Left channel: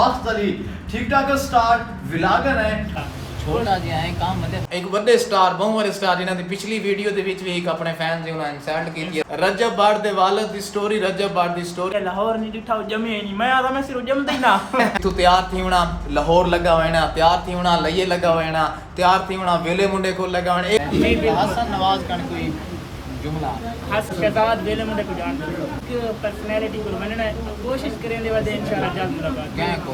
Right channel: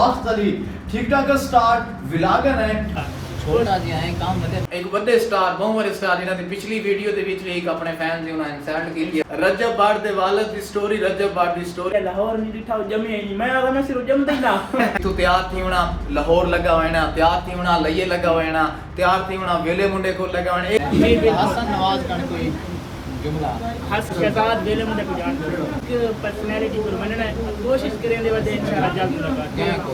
बख्त अली ठीक ठाक स्टार विलागर है छोटा जिहा है काम मतलब एक बड़े स्टार बहुवर स्टार इन्हां दी पिछली वीडियो दे विच एक अपने फैन जे उन्हां इंसल्ट कीती रजब बार दे वालिद दी स्टोरी रजब बार दी स्टोरी लाहौर नहीं दिखा जमे नहीं मैं आता मैं सिर्फ जमदा ही ना तू तैयार थी होना लाहौर लगा होना तैयार थी होना लइए लगा होना तैयार थी होना वेले मुंडे को लगा होना एक हसन नवाज कन कोई जुमला हस शहजाद वेले मुंडे को जान पर्सनालिटी को बनना कोशिश करेंगे वदे इंशाल्लाह जल्द मुलाकात क्या को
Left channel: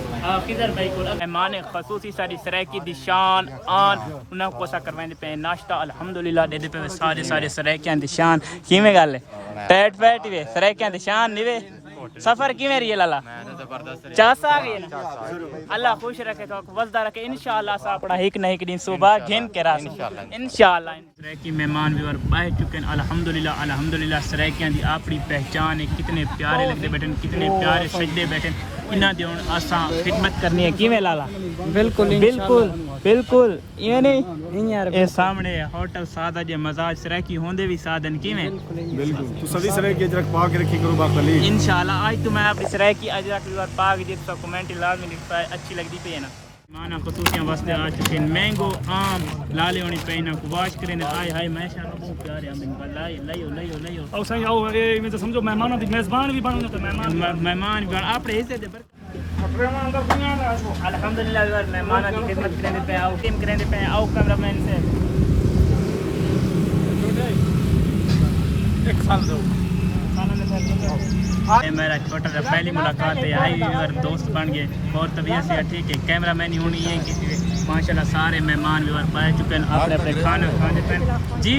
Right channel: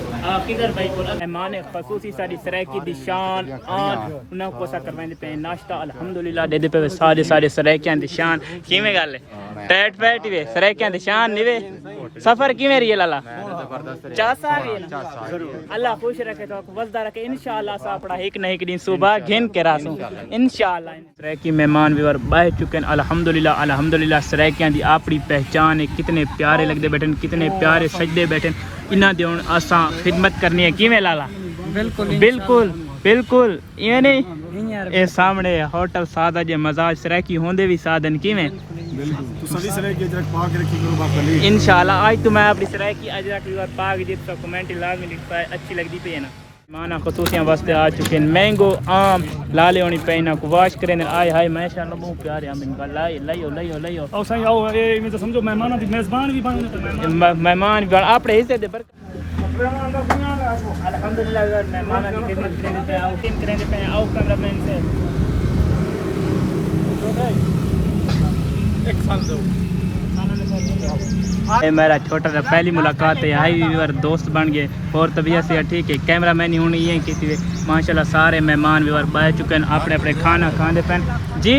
किधर भाई को मेहमान खसूसी सारी सरायकी दी शान आन उन्हें कोसा करवाने पे नाश्ता अल्हम्दुलिल्लाह दे पे सारे सरायकियां दी शान कीमे गल टैट पैट वे सरायकियां दी शान निवे सफर कीमे रही लाला जबरदस्त रही चास आ गए ना अल्लाह खुश रखे तो वजदा रखे इंशाल्लाह सा अपना एक ना एक दिन सुबह घिन के रासू इंशाल्लाह सरायकी मेहमान व्यूअर बाह चुके हैं अल्हम्दुलिल्लाह सरायकियां दी अपनी पहचान है कितने प्यारे लगदे बैठन कितने प्यारे सजदे बैठन इन्हां दे हुण असां खिदमत करनी है कीमे लाला बिल्कुल बिल्कुल बिल्कुल ये नहीं ये सामने होटल सादा जे मजाज सरायकी होंदे भी साधन कीमे बिल्कुल तो सभी सरायकी अजरक पाक रखी करो बाखली इंशाल्लाह आज तो मैं अपनी सरायकी अजरक व्यूअर पाक जिस तो कमेंट लाजमी लिख पाए अच्छी लगती पे ना माना खतूसियां वास्ते आ चुके हैं मैंगो आम लाले होनी पे ना को वाश करे ने आय हाय माशाल्लाह बहुत प्यारे आम इनका लाइयो और सही आओ ये मैं तो समझो मेहमानों दी मेजबान भी बनो तो मेहमान भी अपने हिस्से दे अल्हम्दुलिल्लाह यार मेहमानों की खिदमत करने पे आओ टीम करने पे आओ कैमरामैन से एक साल दो ये मेरा छोटा सा पहली मुलाकात है हाई व्यूअर दोस्त बन गए और तबीयत से ठीक है कैमरामैन ही होनी है किसी भी माशाल्लाह सारे मेहमान व्यूअर बैठ चुके हैं अपने अपने खाना खाने पे जी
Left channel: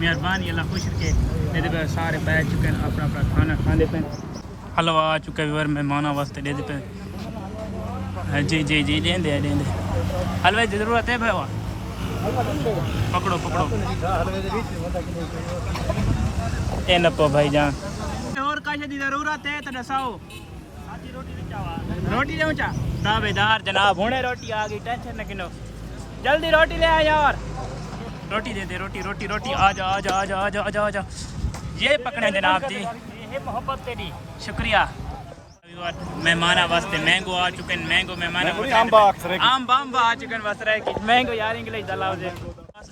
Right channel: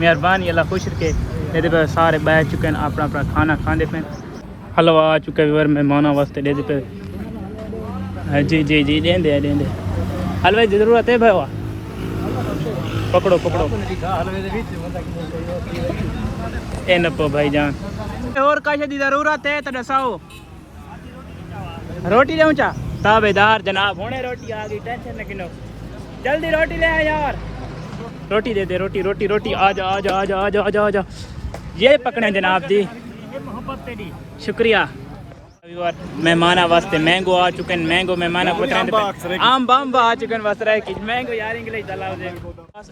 मेहरबानी अल्लाह खुश रखे ये पे सारे बैठ चुके हैं अपना अपना खाना खाने पे हलवा आ चुका है व्यूअर मेहमानों वास्ते दे पे जी जी जी देंदे हलवे की जरूरत है भाई पकड़ो पकड़ो ए नपो भाईजान और काशे दी जरूरत है तो दसाओ रोटी दूं चा ताबेदार जनाब हुने रोटी आ गई टेंशन न किनो जल्दी रोटी ले आ यार रोटी दे दे रोटी रोटी रोटी आ जा आ जा आ जा आ जा आ जा आ जा ये पकड़े जनाब जी मोहब्बत तेरी शुक्रिया मेहमाना वास्ते मैंगो आ चुके हैं मैंगो मेहमाना को आम बम आ चुके हैं वसरा की मैंगो यार इंग्लिश दलाव दे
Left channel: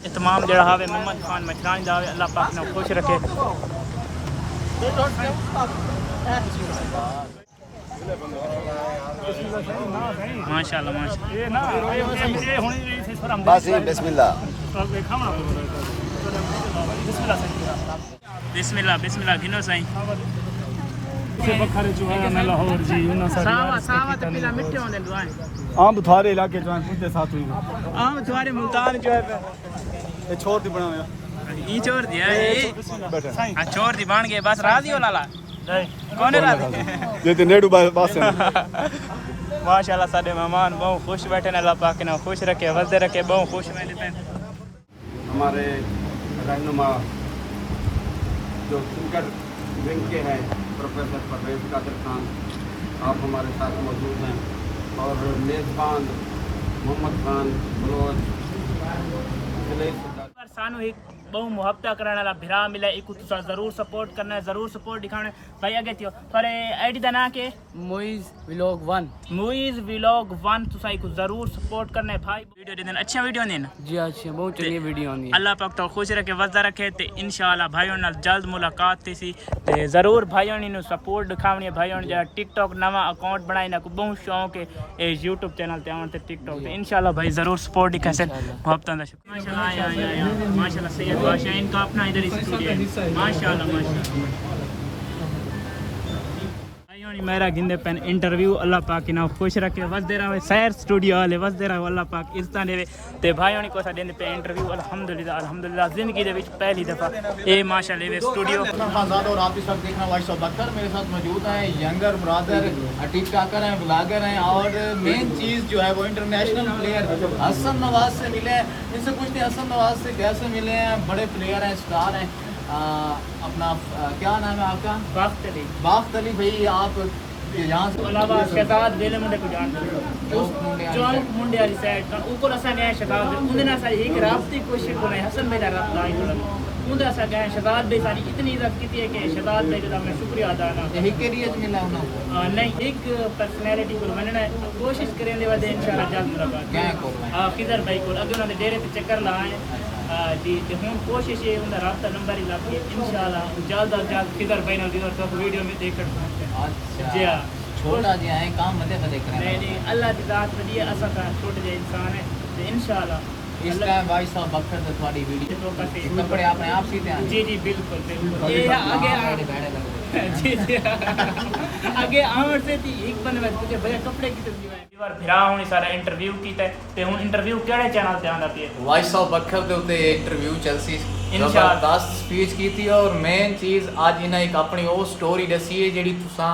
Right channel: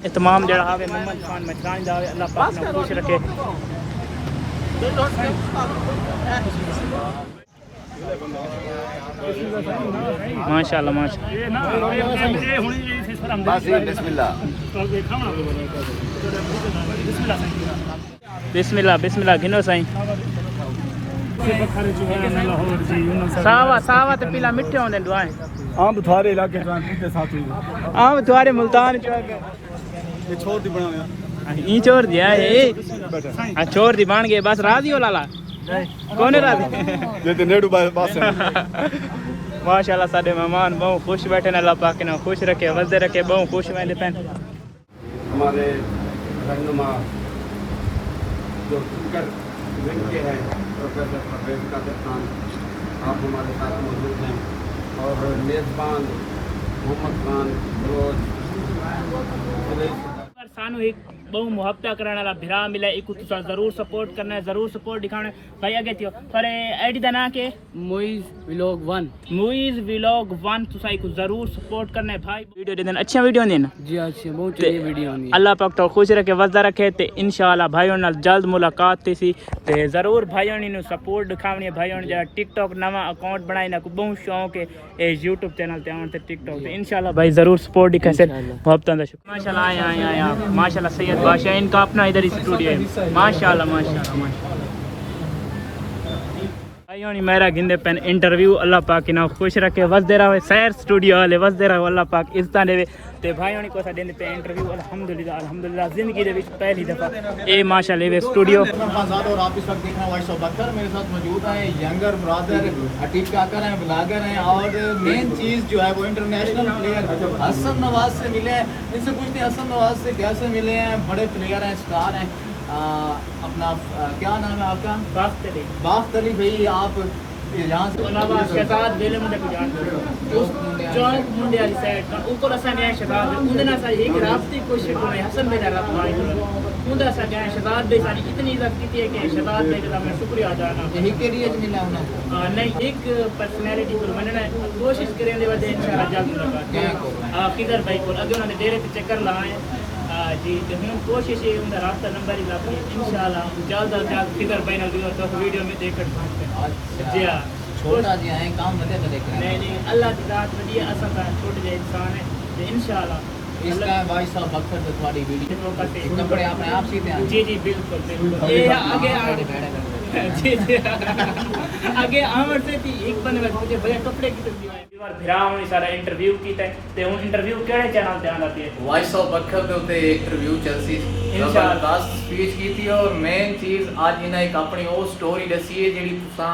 इतमाम जड़ा हावे मोहम्मद खान मचरानी दावे अल्लाह पाक ने खुश रखे माशाल्लाह बिस्मिल्लाह बिस्मिल्लाह घिनो साईं सावा सावा ते पीला मिठे होंदे दुआएं आम थारे इलाके जो हैं साथ हुई आम थारे मुल्तान जो है ये छोड़ दी बनाया ई छोड़ दिया ये हां छोड़ दी बन गए बस राजी हो लाला कौन है राजी ये तो नेड़ू बास माशाल्लाह साडे मेहमान बहुत खुश बैठे अल्लाह पाक ने खुश रखे वजदे रखे बहुत खुश में पेन हमारे रहनुमा जो क्रिकेट विंग के हैं प्रोफेसर परवेज कादिर खान आप हमारे साथ मौजूद हैं और मेज़बान मोहम्मद खान रोज सानू एक बहु मुहब्बत करने वाला भिरा मिला एक तुसा जरूर सपोर्ट करना है जरूर सपोर्ट दिखाना भाई आगे थियो पर आईडी दा ना के मुइज व्लॉग 1 तुसा एक जरूर सपोर्ट करना है भाई वीडियो दे देना अच्छा वीडियो देना जी अच्छी बहुत अच्छी वीडियो होनी अल्लाह पाक तो खुश रखे वजदा रखे ते इंशाल्लाह भाइयों नाल जल्द मुलाकात थी ते जरूर भाइयों नु सपोर्ट दिखावनी है भाइयों जरा टिकटॉक नवा अकाउंट बनाई ना को बहुत शौक है ए यूट्यूब चैनल ते आउन ते टिकटॉक ते इंशाल्लाह भाई जरूर सपोर्ट दिखा से मोहब्बत दा शुक्र माशाल्लाह आया माशाल्लाह सैयद बादशाह इनका अपना इधर स्टूडियो है माशाल्लाह भाइयों ने मेरा गिंदे पेन इंटरव्यू अल्लाह पाक ना खुश रखे वसदे रहे सैर स्टूडियो वाले वसदे रहे अल्लाह पाक इज्जत देवे ते भाइयों ने कोसा देने पे इंटरव्यू अल्हम्दुलिल्लाह जिंदगी दे विच पहली दफा ए माशाल्लाह वे स्टूडियो और आप इस वक्त देख रहे हैं वॉइस ऑफ बकर मेरे साथ मौजूद हैं यंगर ब्रदर टिकटॉकर हैं ब्लॉगर हैं और मेन चीज़ जो है वो इंटरनेशनल प्लेयर हसन नवाज से मिले हैं इनसे पूछते हैं हसन नवाज से कैसे मिले हैं बड़े प्लेयर हैं स्टार हैं अपना क्या नाम है आपका बाख्त अली भाई आप यहाँ से अलावा शहजाद वेले मुंडे को जानते हो जॉइंट मुंडे वाली साइड का ऊपर असा नया शहजाद उन्हें ना सा एक रास्ते कोशिश को हसन मेरा रास्ता उनका सा गए शहजाद भाई सारी इतनी इज्जत की है कि शहजाद भाई का मैं शुक्रिया अदा करना यही के लिए मिला उन्होंने नहीं एक पर्सनैलिटी को मनना है कोशिश करें वादे इंशाल्लाह जल्द मुलाकात क्या को किधर भाई को अगे उन्होंने डेरे पे चक्कर लाए जी तो हम कोशिश है उनका रास्ता नंबर ही लग गया इंशाल्लाह जल्द अज जल्द किधर भाई ना तो वीडियो में देख कर जी हाँ छोटा जी है काम मते मते नहीं नहीं अल्लाह की ज़ात वधिया असा का छोटे जे इंसान है तो इंशाल्लाह इस टाइम भाई साहब बख्तर से थोड़ी वीडियो कपड़े आपने आप सीते हैं जी जी बिल्कुल बिल्कुल ये आगे जी जी आगे आमद से थी एक बने में मुझे भैया कपड़े की तस्वीर है बार फिरा हुई सारा इंटरव्यू कीता ते हुन इंटरव्यू केड़े चैनल ते आंदा पे भाई साहब बख्तर दे उते इंटरव्यू चलसी इंशाल्लाह 10 स्पीच कीती और मेन चीज आज इन्हें एक अपनी वो स्टोरी दसी है जेडी तुसा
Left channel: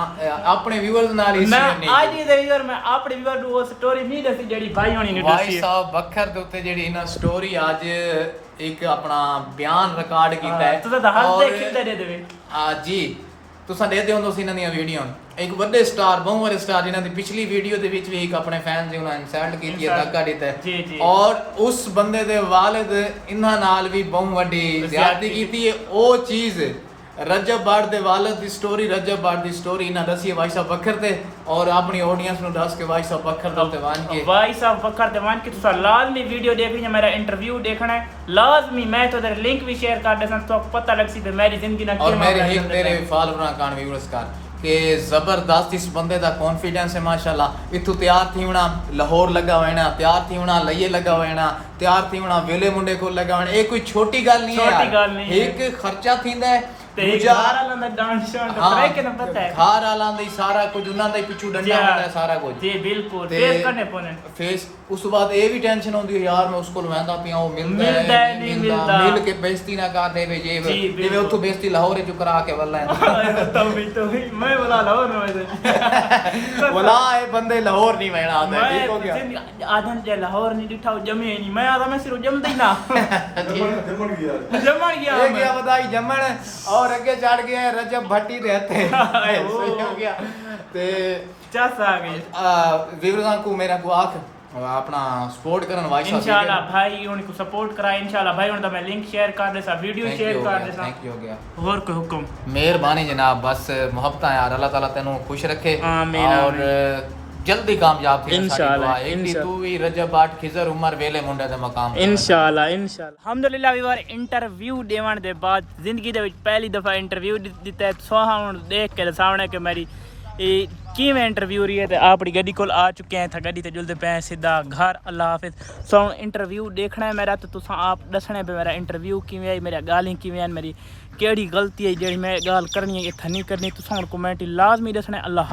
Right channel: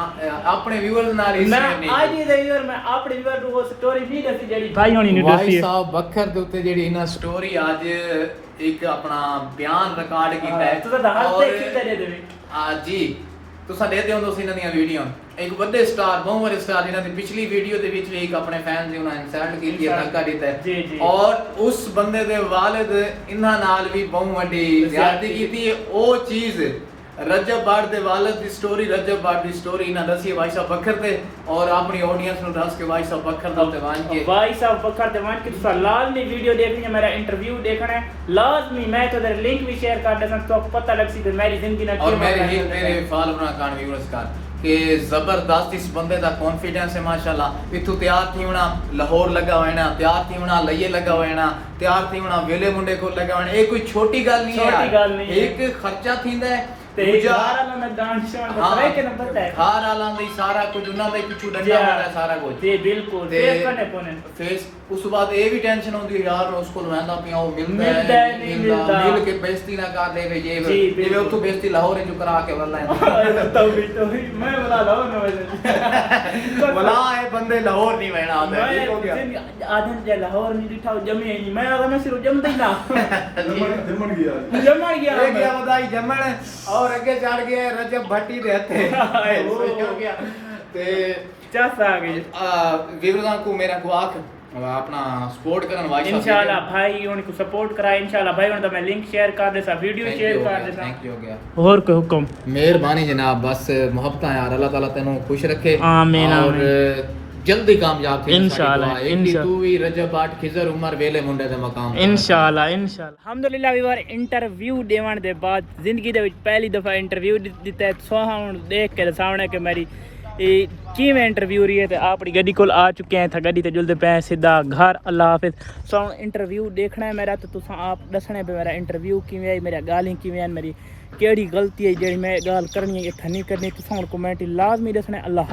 अपने व्यूअर्स नाल मैं आज ही दे यार मैं अपने व्यूअर को वो स्टोरी नहीं दसी जेडी भाई होनी नहीं दसी भाई साहब बख्तर दे उते जेडी इना स्टोरी आज एक अपना बयान रिकॉर्ड कीता है तू तो हाथ देख के दे देवे जी तुसा दे दियो दोसी इना दी वीडियो एक बड़े स्टार बहुत बड़े स्टार इना दी पिछली वीडियो दे विच भी एक अपने फैन जी उन्हें इंसल्ट कीती है धक्का दिता है जी जी और उस बंदे दे वालिद इन्हां नाल भी बहुत बड़ी ज्यादती कीती है ओ चीज रजब बाड़ दे वालिद दी स्टोरी रजब बाड़ दी स्टोरी इन्हां दसी है भाई साहब बकर ते और अपनी ऑडियंस नु दस के भाई साहब बकर ते वान के भाई साहब बकर ते वान के तुसा लाजमी वीडियो देखनी है मेरा इंटरव्यू देखना है लाजमी मैं तो इधर लिंक भी शेयर कर देता तो आपको पता लग सी ते मेरी जिंदगी ना और मेरे एक तेरे फॉलोअर कान व्यूअर्स का कि जबरदस्त इस बंदे दा कॉन्फिडेंस है माशाल्लाह इथु तैयार थी होना लाहौर लगा होना तैयार थी होना लइए लगा होना तैयार थी होना वेले मुंडे को लगा होना ये कोई छोटी गल नहीं है छोटी गल नहीं है एक खर्चा थींदा है ते एक घर वाला ना डांस शो तो तरह के नंबर है घर वाला दी सारा कुछ उना दे पिछु डंडा वाला सारा कुछ जी बिल्कुल फेस करने पने फेस उस बाद ये भी टेंशन होंदी है यार मैं उसको लवांदा पिया वो मिलदा है नहीं मिलदा मिल के बेइज्जती ना कर देवे ये ये उतो बेइज्जती लाहौर जो करा के वल्ला है बताओ भी तो मैं बोला लाहौर में वैसे बोला ये बंदे लाहौर नहीं मैना आता मैं हो गया आधन जे लाहौर नहीं दिखा जमे नहीं मैं आधा मैं सिर्फ जमदा ही ना जमन गया मैं क्या बताई जमन और आगे चढ़ गया रजब भट्टी रहते हो गया ते चस आ गई वीरों को मेरा को आख अपना सपोर्ट करन भाई साहब इंशाल्लाह भाई उनको सपोर्ट कराए इंशाल्लाह भाई उन तो मैं लिंक शेयर कर देसा वीडियो शेयर कर देसा थैंक यू हो गया और कोई हुक्म मेहरबानी जनाब बस मोहब्बत यार अल्लाह ताला तेनू खुश रखे आमीन और जल्दी कामयाब थे साडी इंशाल्लाह, दुआ एक दी तू भी रजब बाट खिजर उमर वेले मुंडे दे मकाम ते इंशाल्लाह अल्हम्दुलिल्लाह वीवर इंटरव्यू देवन दे बाद जिंदगी दे विच पहली दफा इंटरव्यू दिता सोहा हुन देख के सामने के मेरी किवें इंटरव्यू रही है तो अपनी गड्डी कोल आ चुके हैं था गड्डी ते जुलदे पे सीधा घर अल्लाह हाफिज सो इंटरव्यू देखना है मेरा तो तुसा आप दसने पे मेरा इंटरव्यू किवें है मेरा गाली किवें है मेरी केड़ी गलती है जेड़ी मैं गाल करनी है इत्थे नहीं करनी तुसा हुन कमेंट लाजमी दसने अल्लाह